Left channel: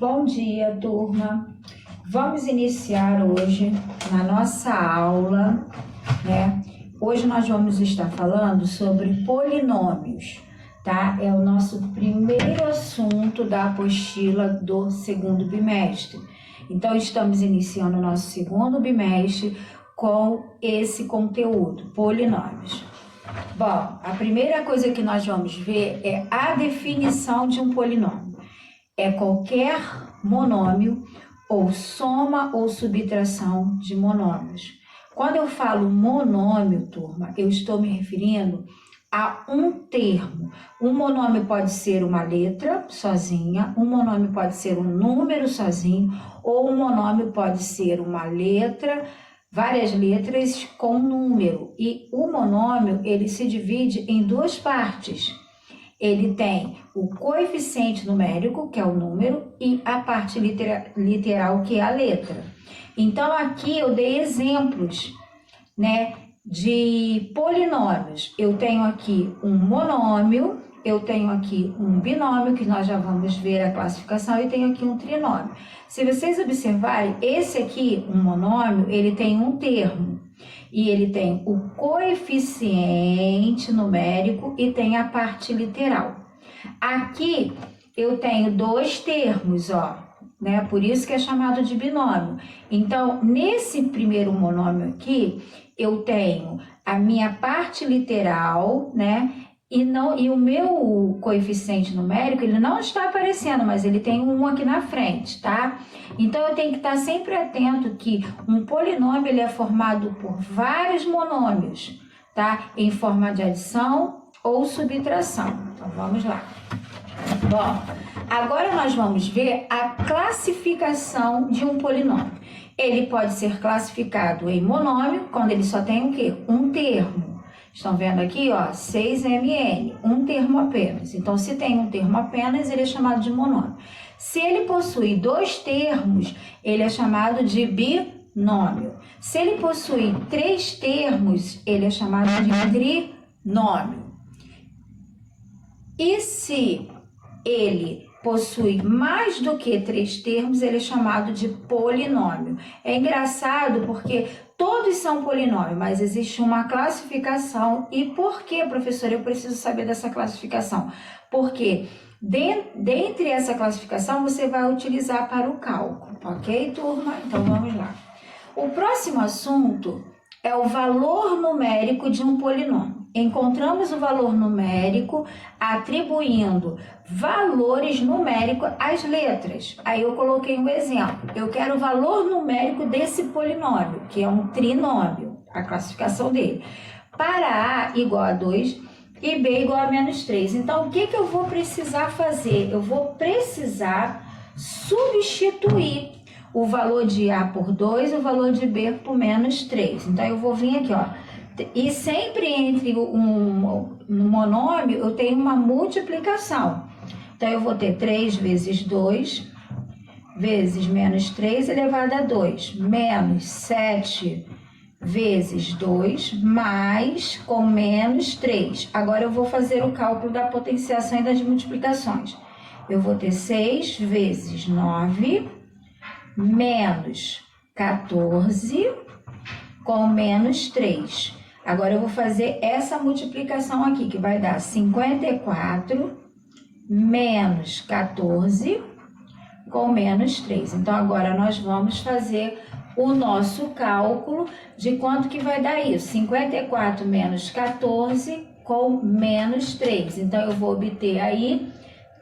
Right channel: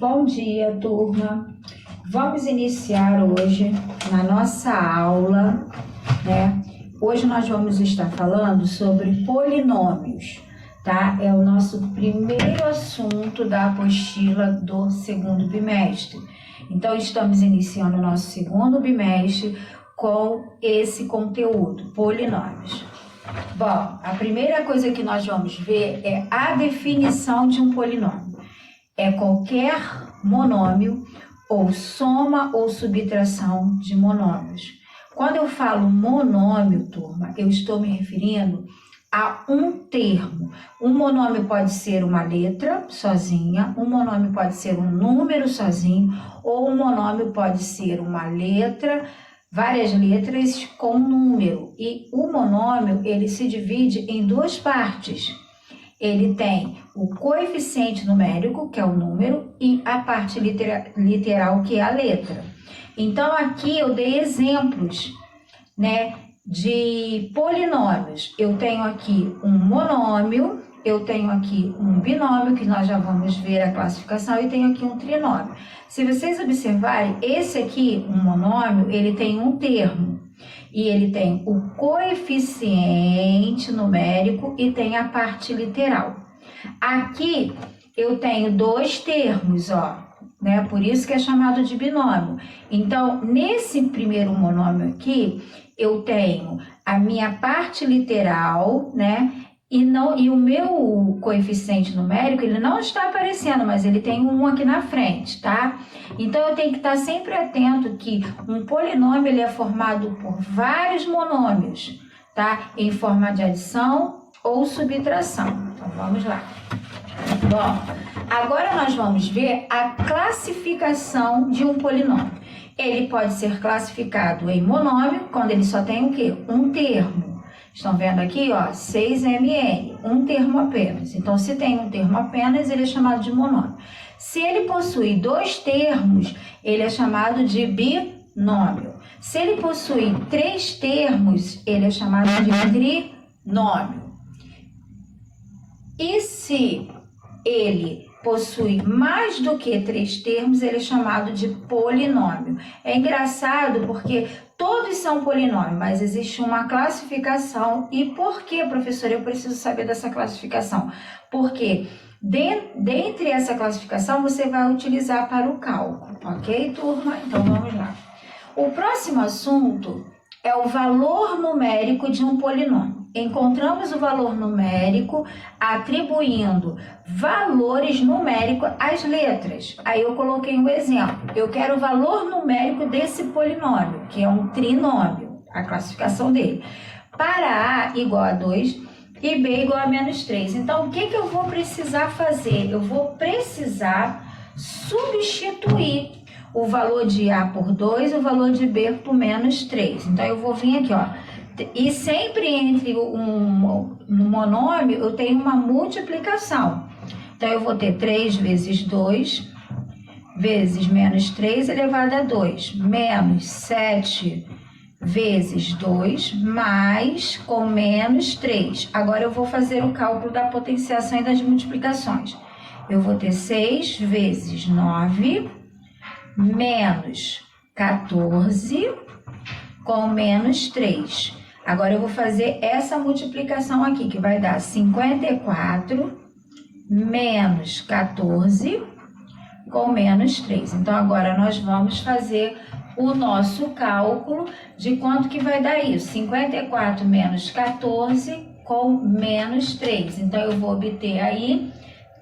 Bom dia, turma. Vamos iniciar hoje na nossa aula, né? Hoje nós vamos estar falando sobre polinômios, tá? É o nosso primeiro assunto da apostila do segundo bimestre. Então, estamos iniciando o nosso segundo bimestre com esse conteúdo, polinômios. Bom, a primeira coisa que nós vamos ver é a definição de um polinômio. É qualquer monômio ou soma ou subtração de monômios. Quando eu falo monômio, turma, eu estou me referindo a um termo. Um monômio pode ser uma letra sozinha, um monômio pode ser um número sozinho, ou um monômio pode ser uma letra, várias letras com número. E o monômio, ele se divide em duas partes. Ele tem o coeficiente numérico, que é o número, e a parte literal, que é a letra. Então, aqui eu dei exemplos, né, de polinômios. Eu tenho aqui um monômio, eu tenho aqui um binômio, que nós já vamos ver a classificação, e tenho aqui um trinômio. Se vocês observarem, esse aqui, um monômio, ele tem um termo. E ele tem o coeficiente numérico e tem a parte literal. Aqui eu tenho dois termos, ó, né? Por isso que é chamado de binômio. Então, nesse primeiro monômio aqui, eu tenho a minha parte literal, né? E o meu coeficiente numérico, ele não está aparecendo, mas ele tem um aqui na frente, tá? Então, eu tenho que estar sempre atento que um polinômio, ele é formado por vários monômios, tá? Em forma de adição ou subtração. Então, vamos lá. Bom, agora nós vamos ver a classificação de um polinômio. Ele pode ser classificado em monômio, quando ele só tem o quê? Um termo. Estão vendo aqui, ó, 6mn, um termo apenas. Então, se tem um termo apenas, ele é chamado de monômio. Se ele possui dois termos, ele é chamado de binômio. Se ele possui três termos, ele é chamado de trinômio. E se ele possui mais do que três termos, ele é chamado de polinômio. É engraçado porque todos são polinômios, mas existe uma classificação. E por que, professora, eu preciso saber dessa classificação? Porque dentre essa classificação você vai utilizar para o cálculo, ok, turma? Então vamos lá. O próximo assunto é o valor numérico de um polinômio. Encontramos o valor numérico atribuindo valores numéricos às letras. Aí eu coloquei um exemplo. Eu quero o valor numérico desse polinômio, que é um trinômio, a classificação dele. Para A igual a 2 e B igual a menos 3. Então, o que eu vou precisar fazer? Eu vou precisar substituir o valor de A por 2 e o valor de B por menos 3. Então, eu vou vir aqui, ó. E sempre entre um monômio, eu tenho uma multiplicação. Então, eu vou ter 3 vezes 2 vezes menos 3 elevado a 2, menos 7 vezes 2, mais com menos 3. Agora, eu vou fazer o cálculo da potenciação e das multiplicações. Eu vou ter 6 vezes 9, menos 14, com menos 3. Agora, eu vou fazer essa multiplicação aqui, que vai dar 54 menos 14 com menos 3. Então, agora nós vamos fazer o nosso cálculo de quanto que vai dar isso. 54 menos 14 com menos 3. Então, eu vou obter aí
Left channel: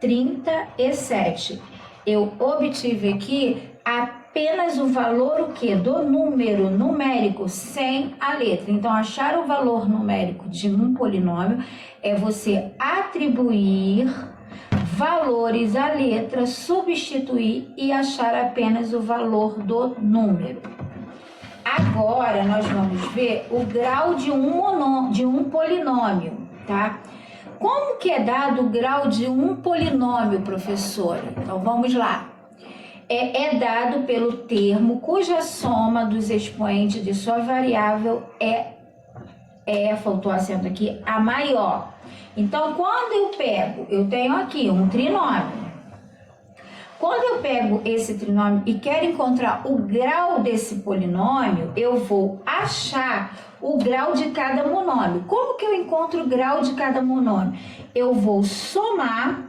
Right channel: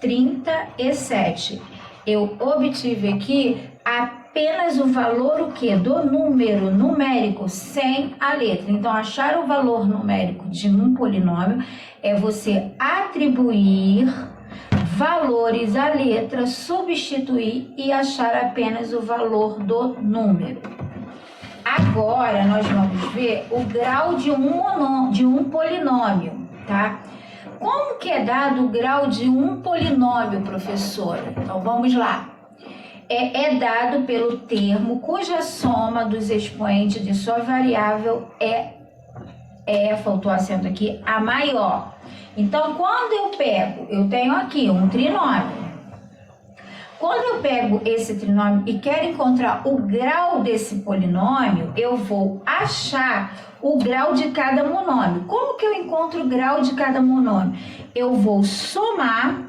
37. Eu obtive aqui apenas o valor o quê? Do número numérico sem a letra. Então, achar o valor numérico de um polinômio é você atribuir valores à letra, substituir e achar apenas o valor do número. Agora, nós vamos ver o grau de um polinômio, tá? Como que é dado o grau de um polinômio, professora? Então, vamos lá. É dado pelo termo cuja soma dos expoentes de sua variável faltou acento aqui, a maior. Então, quando eu tenho aqui um trinômio, Quando eu pego esse trinômio e quero encontrar o grau desse polinômio, eu vou achar o grau de cada monômio. Como que eu encontro o grau de cada monômio? Eu vou somar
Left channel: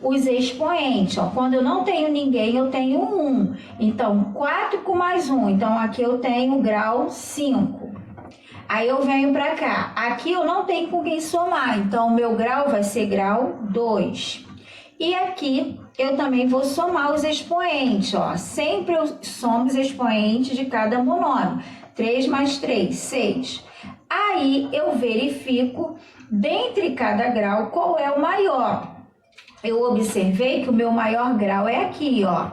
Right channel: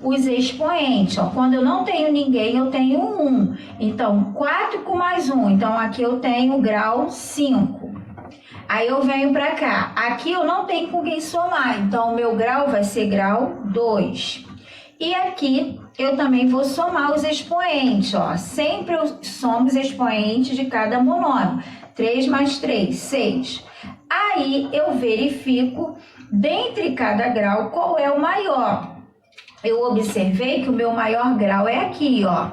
os expoentes. Ó. Quando eu não tenho ninguém, eu tenho 1. Então, 4 com mais 1. Então, aqui eu tenho grau 5. Aí eu venho para cá. Aqui eu não tenho com quem somar. Então, o meu grau vai ser grau 2. E aqui eu também vou somar os expoentes. Ó. Sempre eu somo os expoentes de cada monômio. 3 mais 3, 6. Aí eu verifico, dentre cada grau, qual é o maior. Eu observei que o meu maior grau é aqui, ó.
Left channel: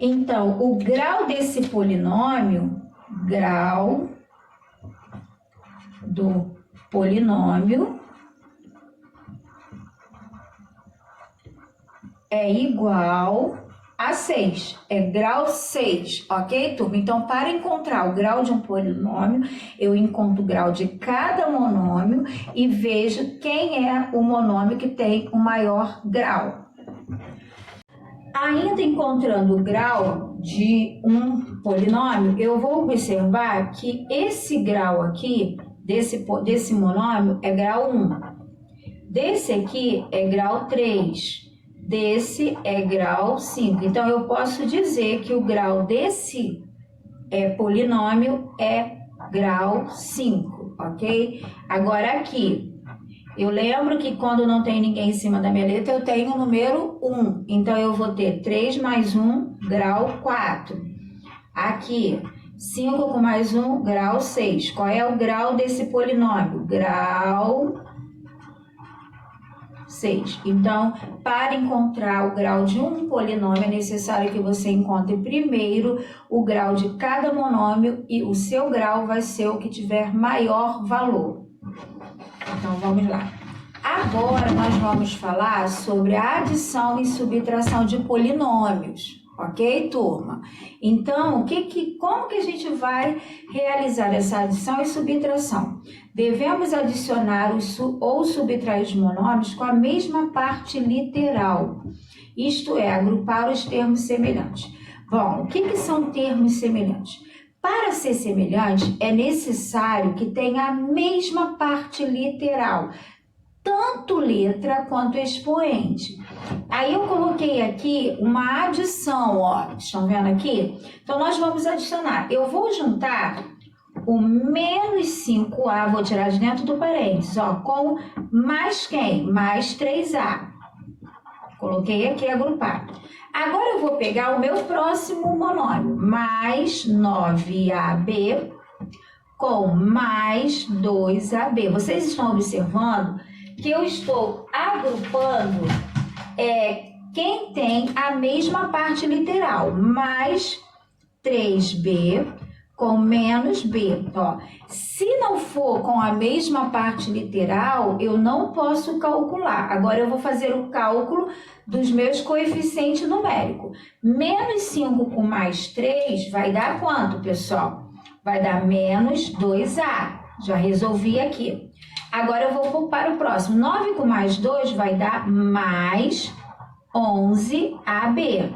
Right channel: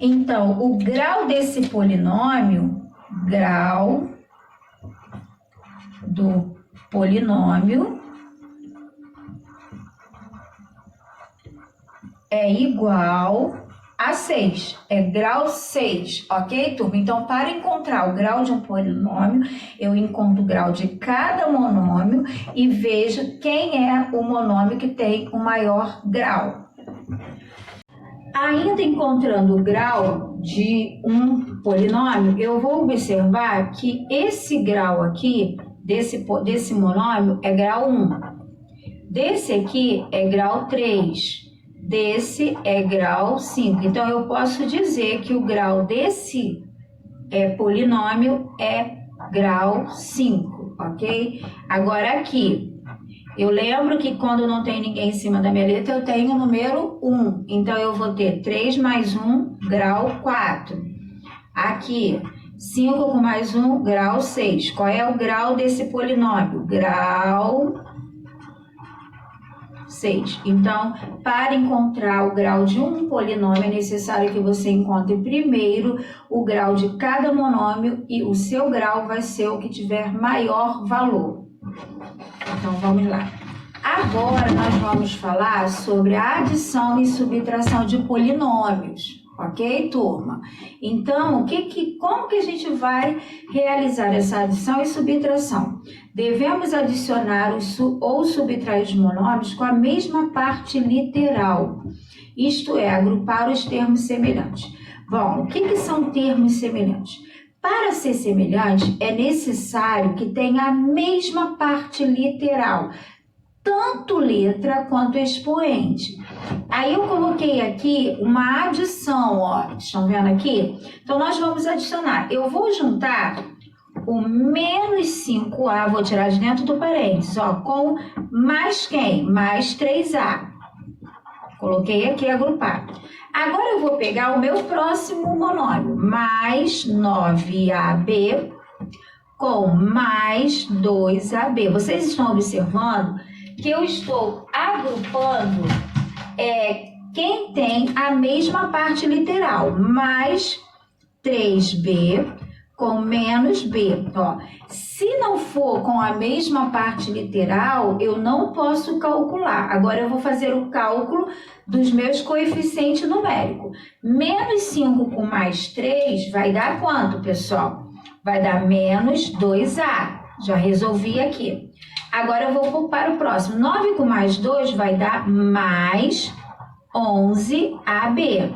Então, o grau desse polinômio, grau do polinômio é igual a 6, é grau 6, ok, turma? Então, para encontrar o grau de um polinômio, eu encontro o grau de cada monômio e vejo quem é o monômio que tem o maior grau. Ainda encontrando o grau de um polinômio, eu vou observar que esse grau aqui, desse monômio, é grau 1. Desse aqui é grau 3. Desse é grau 5. Então, eu posso dizer que o grau desse polinômio é grau 5, ok? Agora aqui, eu lembro que quando não tem ninguém em cima da minha letra, eu tenho o número 1. Então, eu vou ter 3 mais 1, grau 4. Aqui, 5 com mais 1, grau 6. Qual é o grau desse polinômio? Grau 6. Então, para encontrar o grau de um polinômio, é necessário que você encontre primeiro o grau de cada monômio e o seu grau vai ser o que tiver maior valor. Então, vamos lá. Agora, nós vamos falar sobre a adição e subtração de polinômios. Ok, turma? Então, como que a gente vai realizar essa adição e subtração? Devemos adicionar ou subtrair os monômios com a mesma parte literal, isto é, agrupar os termos semelhantes. Bom, o que são termos semelhantes? Para ser semelhante, é necessário que tenha a mesma parte literal, tanto letra quanto expoente. Aí eu coloquei aqui uma adição, ó, estão vendo aqui? Então, nós vamos adicionar. Eu vou juntar o menos 5A, vou tirar de dentro do parênteses, ó, com mais quem? Mais 3A. Coloquei aqui agrupado. Agora eu vou pegar o meu próximo monômio, mais 9AB com mais 2AB. Vocês estão observando que eu estou agrupando quem tem a mesma parte literal, mais 3B com menos B. Ó, se não for com a mesma parte literal, eu não posso calcular. Agora eu vou fazer o cálculo dos meus coeficientes numéricos. Menos 5 com mais 3 vai dar quanto, pessoal? Vai dar menos 2A. Já resolvi aqui. Agora eu vou para o próximo. 9 com mais 2 vai dar mais 11AB.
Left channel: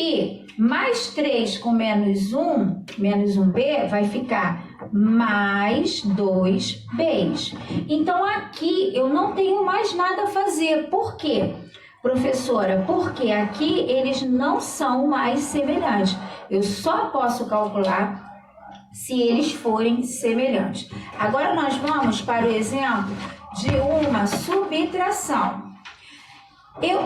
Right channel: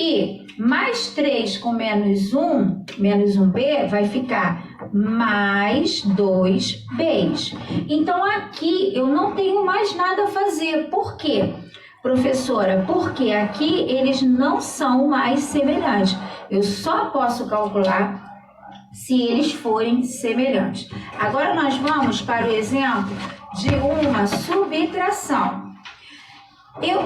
E mais 3 com menos 1, menos 1B, vai ficar mais 2Bs. Então, aqui eu não tenho mais nada a fazer. Por quê, professora? Porque aqui eles não são mais semelhantes. Eu só posso calcular se eles forem semelhantes. Agora, nós vamos para o exemplo de uma subtração.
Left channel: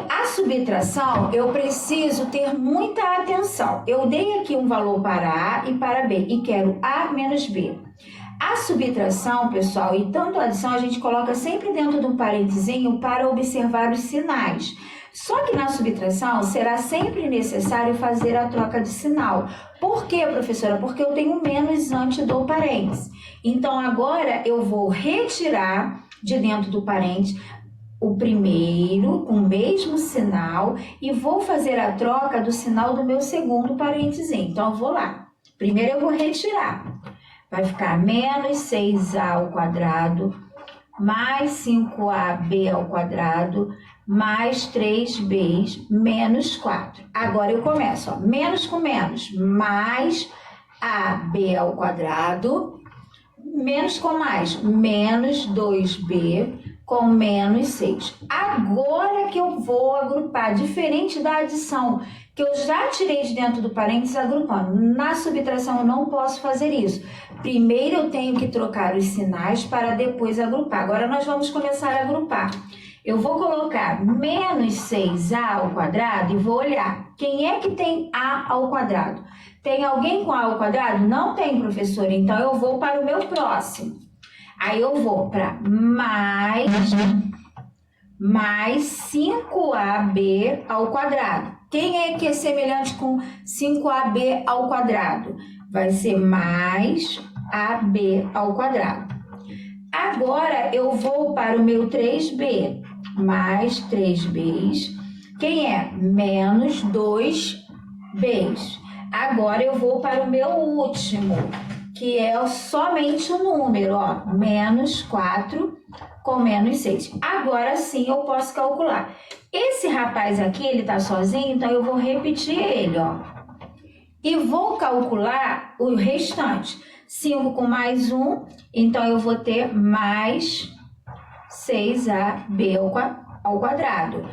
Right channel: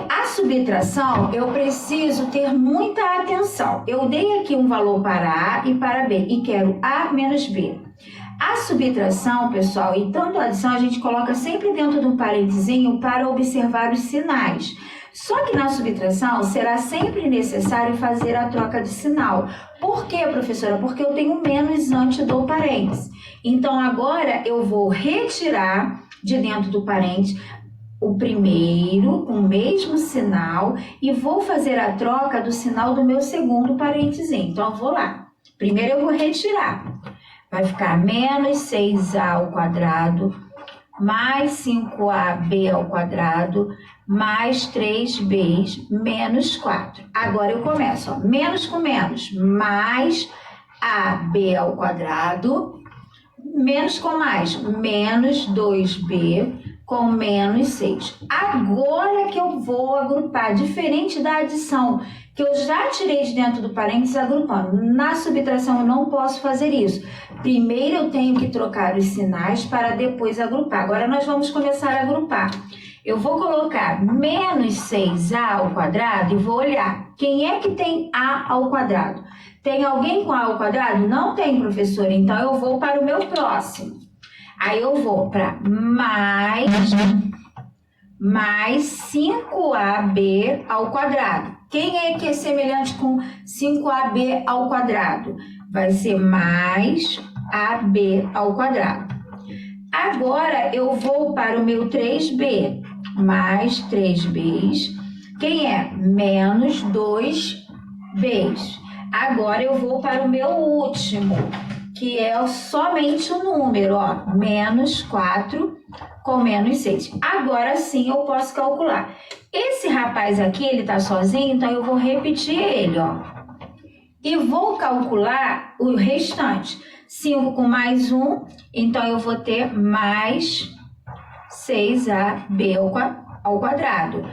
A subtração, eu preciso ter muita atenção. Eu dei aqui um valor para A e para B e quero A menos B. A subtração, pessoal, e tanto a adição, a gente coloca sempre dentro de um parentezinho para observar os sinais. Só que na subtração será sempre necessário fazer a troca de sinal. Por quê, professora? Porque eu tenho menos antes do parênteses. Então, agora eu vou retirar de dentro do parênteses o primeiro com o mesmo sinal e vou fazer a troca do sinal do meu segundo parênteses. Então, eu vou lá. Primeiro eu vou retirar. Vai ficar menos 6A ao quadrado, mais 5AB ao quadrado, mais 3b menos 4. Agora eu começo, ó, menos com menos, mais ab ao quadrado, menos com mais, menos 2b com menos 6. Agora que eu vou agrupar, diferente da adição, que eu já tirei de dentro do parênteses agrupando. Na subtração eu não posso fazer isso. Primeiro eu tenho que trocar os sinais para depois agrupar. Agora nós vamos começar a agrupar. Eu vou colocar menos 6a ao quadrado e vou olhar quem é que tem a ao quadrado. Tem alguém com a ao quadrado? Não tem, professora. Então eu vou para o meu próximo. Aí eu vou para mais 5ab ao quadrado. Quem é que é semelhante com 5ab ao quadrado? Vai ser mais ab ao quadrado. Agora eu vou para o meu 3b. Mais 3b. Quem é? Menos 2b. Agora eu vou para o meu último, que é somente o número, ó, menos 4 com menos 6. Agora sim eu posso calcular. Esse rapaz aqui, ele tá sozinho, então eu vou repetir ele, ó. E vou calcular o restante. 5 com mais 1, então eu vou ter mais 6ab ao quadrado.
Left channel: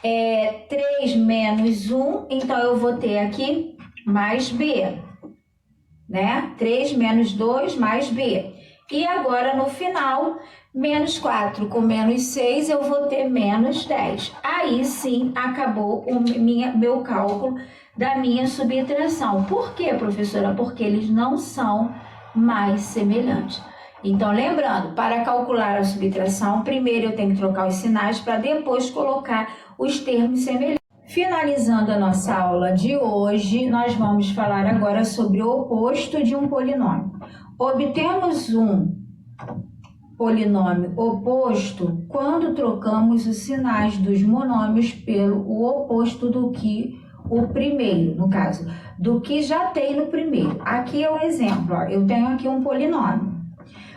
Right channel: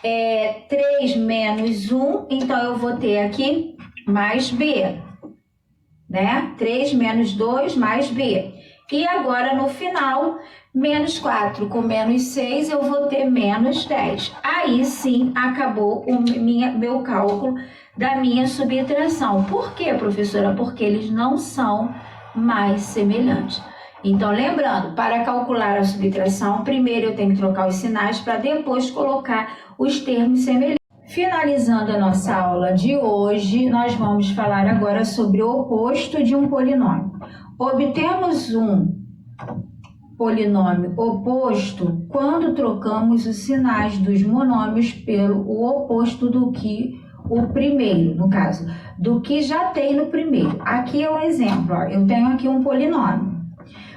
3 menos 1, então eu vou ter aqui mais b, né? 3 menos 2 mais b. E agora no final, menos 4 com menos 6, eu vou ter menos 10. Aí sim acabou o meu cálculo da minha subtração. Por quê, professora? Porque eles não são mais semelhantes. Então, lembrando, para calcular a subtração, primeiro eu tenho que trocar os sinais para depois colocar os termos semelhantes. Finalizando a nossa aula de hoje, nós vamos falar agora sobre o oposto de um polinômio. Obtemos um polinômio oposto quando trocamos os sinais dos monômios pelo oposto do que o primeiro, no caso, do que já tem no primeiro. Aqui é um exemplo, ó, eu tenho aqui um polinômio.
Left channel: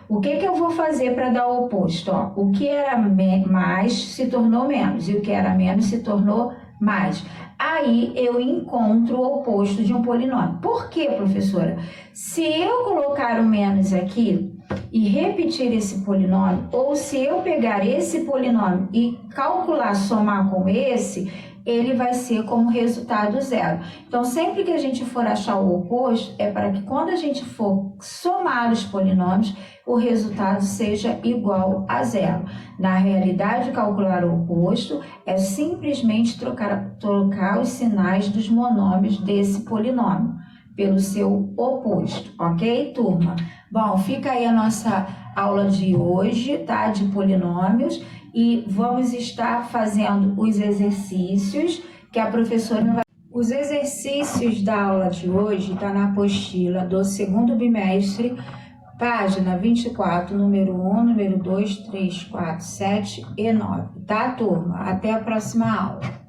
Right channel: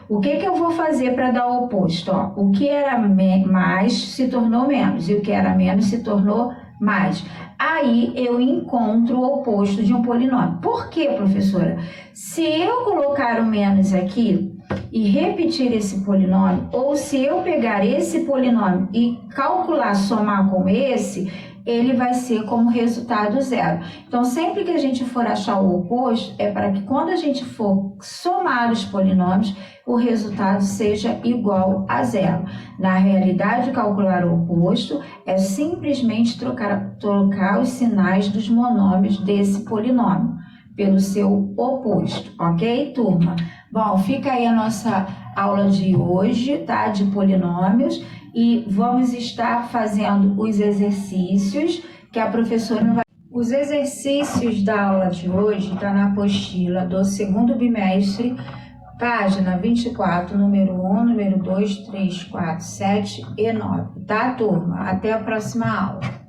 O que eu vou fazer para dar o oposto? Ó? O que era mais se tornou menos e o que era menos se tornou mais. Aí eu encontro o oposto de um polinômio. Por quê, professora? Se eu colocar o menos aqui e repetir esse polinômio, ou se eu pegar esse polinômio e calcular, somar com esse, ele vai ser como resultado zero. Então, sempre que a gente for achar o oposto, é para que quando a gente for somar os polinômios, o resultado seja igual a zero. Na realidade, calcular o oposto é simplesmente trocar os sinais dos monômios desse polinômio pelo seu oposto, ok, turma? Bom, fica aí a nossa aula de hoje, tá? De polinômios. E vamos estar fazendo os exercícios que a professora não vai... Os exercícios da aula de hoje estão na apostila do segundo bimestre, página 24, número 1, número 2, 3, 4, 7 e 9, tá, turma? Até a próxima aula.